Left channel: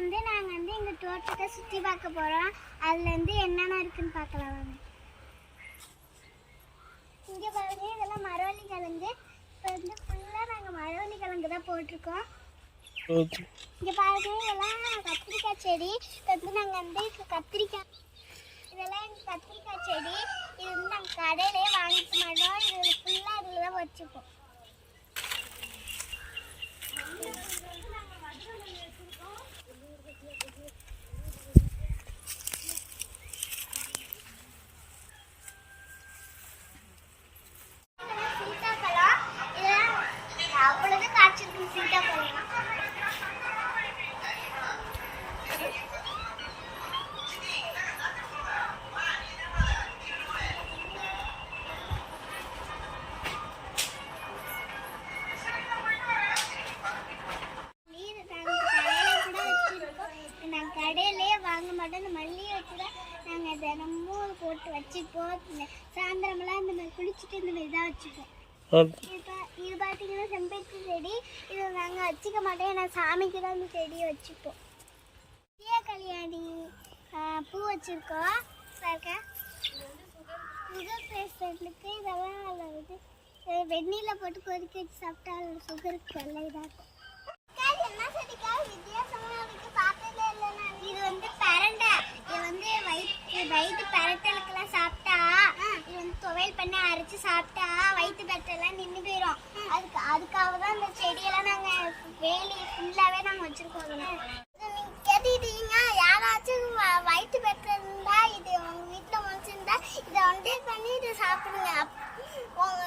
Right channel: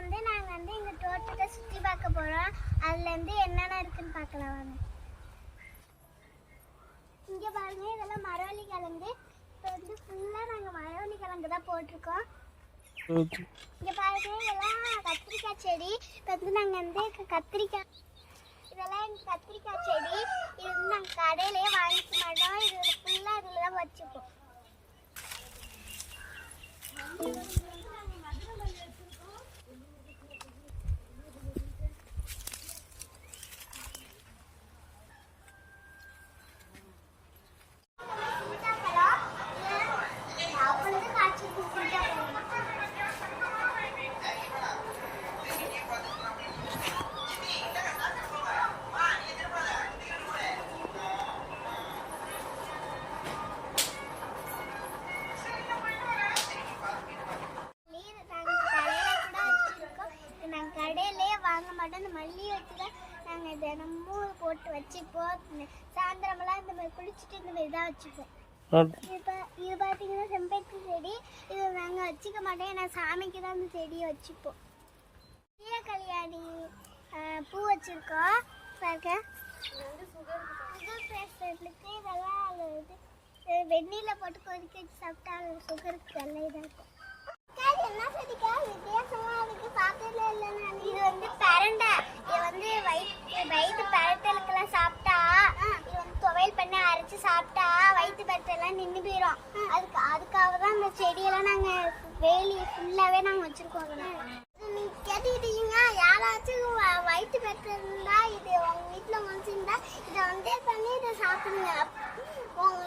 வந்து நாங்கள் வந்து எங்கள் தோட்டத்தை சுற்றி பார்க்க போகிறோம் அதுலேருந்து என்னென்ன இருக்குன்னு பார்க்கலாம் வாங்க. இங்கே பாருங்க இதெல்லாம் மரவள்ளி கிழங்கு. இப்போ வந்து ஃபுல்லாக நாங்கள் மரவள்ளி கிழங்கு தான் போட்டிருக்கோம். இங்கே பாருங்க இதெல்லாம் கத்திரிக்காய் செடி. இப்போ வந்து நாங்கள் வந்து கத்திரிக்காய் இதெல்லாம் எங்கள் கத்திரிக்காய் செடி. இது வந்து நாங்கள் கடையிலே வாங்கிக்க மாட்டோம். இது நாங்கள் தினமும் போட்டு வச்சுப்போம். சாயந்தரமெல்லாம் இந்த மாதிரி குளிச்சுட்டு இந்த மாதிரி தான் வச்சுப்போம். இது பார்த்தீங்கன்னா செம்பருத்தி செடி. இது நாங்கள் வச்சுக்க மாட்டோம். ஏன்னா சாமிக்கு தான் இந்த செடியை வச்சுப்போம். சீய கல்யாணி பூ வச்சுருக்கோம். பார்க்க சுகர் பேஷண்ட்டுக்கு இதெல்லாம் இது வெந்நீரில் போட்டு கொதிக்க வச்சு சாப்பிட்டா சுகருக்கு நல்ல இதாக இருக்கும் என்ன செடிக்கா? வித்தியாசமா இருக்கு பார்த்ததே இல்லை நான் இது வந்து பரண்டை இது வந்து வயிற்று பரட்டலுக்கெல்லாம் சாப்பிட்டா இது வந்து துவையல் பண்ணி அரைச்சு சாப்பிட்டா வயிற்று பரட்டெல்லாம் நின்று போயிடும் அதுக்கு அதுக்காக தான் இந்த செடியெல்லாம் நாங்கள் வேலி ஃபுல்லாகவே நாங்கள் வச்சுருக்கோம் நீங்கள் கேட்டுக்கிட்டீங்க. யாராச்சும் வயிற்று பெற்று இருந்தா இது உங்க வீட்டில் முடிச்சிருந்தா இதை வந்து பண்ணி இதை சாப்பிடுங்க. அப்- உங்க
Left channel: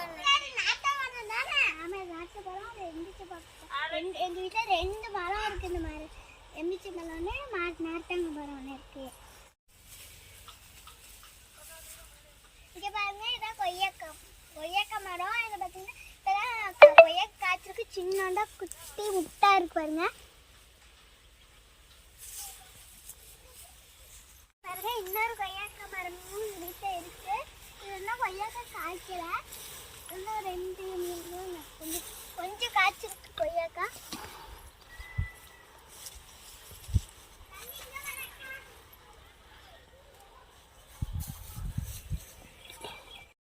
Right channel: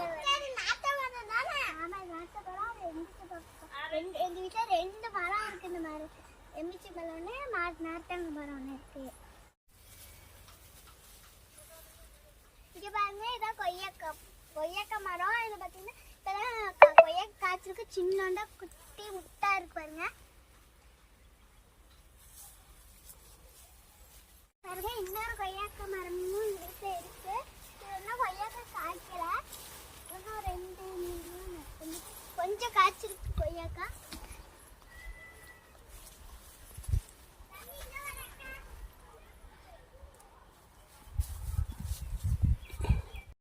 நாட்டு மரம் தானே? ஆமாம் நாட்டு மரம் அது எந்திரிச்சு ரெண்டு எங்கள் வீட்டில் ரெண்டு மரம் இருக்கு இந்த மாதிரி. எந்திரிச்சு மரம் ஒன்று நாட்டாங்க மரம் ஒன்று இருக்கு. இங்கே பாருங்க இதான் கொய்யாக்காய் கொய்யாக்காய் மரம் இது பார்த்தீங்கன்னா இப்போதான் கொய்யாக்காய் காய்ச்சிருக்கு சின்னோண்டா குட்டி முட்டா இருக்கு பாருங்க. பாருங்க இன்னொரு கொய்யாக்காய் மரமும் வீட்டில் இருக்கு. இது வந்து கொய்யாக்காய் காய்க்கல இன்னும் ரெண்டு மூணு கொஞ்சம் கொஞ்சம் காய்ச்சிருக்கு கொய்யாக்காய்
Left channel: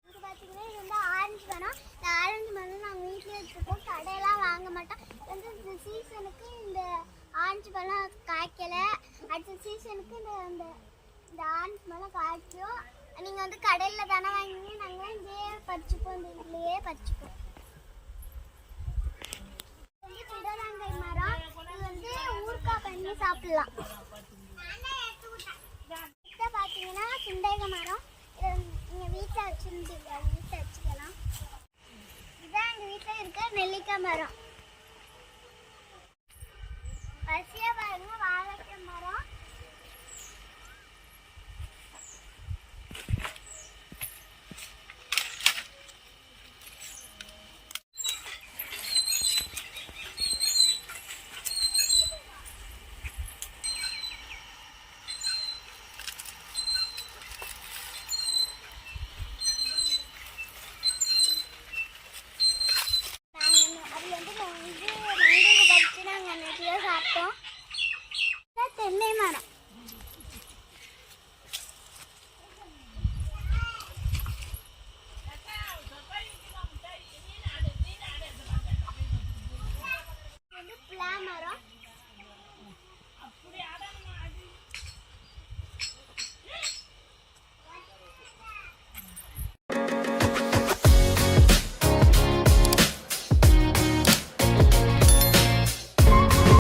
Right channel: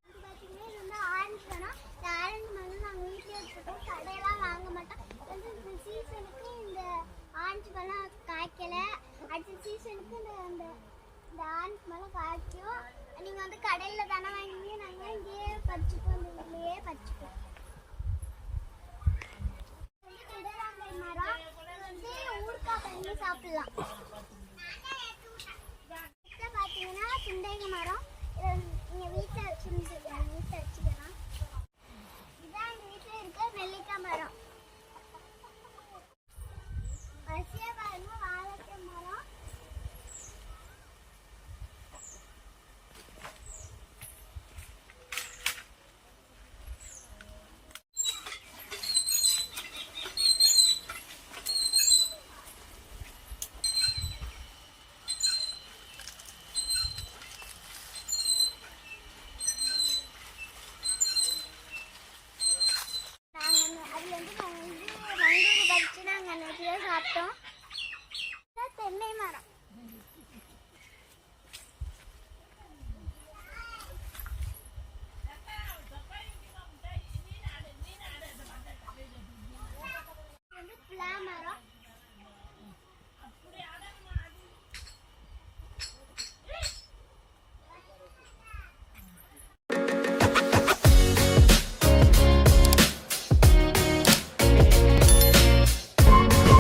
இங்க பாத்தீங்கன்னா இது வந்து ஆரஞ்சு மரம் இந்த ஆரஞ்சு மரம் நாங்கள் வீட்டிலே வச்சுருக்கோம் கடையெல்லாம் வாங்க மாட்டோம் இது வந்து இந்த சீசனுக்கு இந்த ஆரஞ்சு பழம் காய்க்கல அடுத்த சீசனுக்கு இந்த அந்த இந்த ஆண்ட் மேலே காய்க்கும். நீங்கள் வந்து கடையில் தானே வாங்கி நாங்கள் இங்கேயே பறிச்சுப்போம். இந்த இதுலேயே பறிச்சுப்போம். வந்து பிடராங்காய் மரம். இது வந்து ஊறுகாய் பண்ணி சாப்பிடலாம். கிட்ட பார்த்தீங்கன்னா சுண்டைக மரம். இதை நீங்கள் வீட்டில் வச்சுருந்து வீட்டில் வச்சுக்கலாம். இதான் எங்கள் வீட்டில் இருக்க நெல்லிக்காய் மரம். మొత్తం ఇలా తెల్లేమనం ప్లా మరం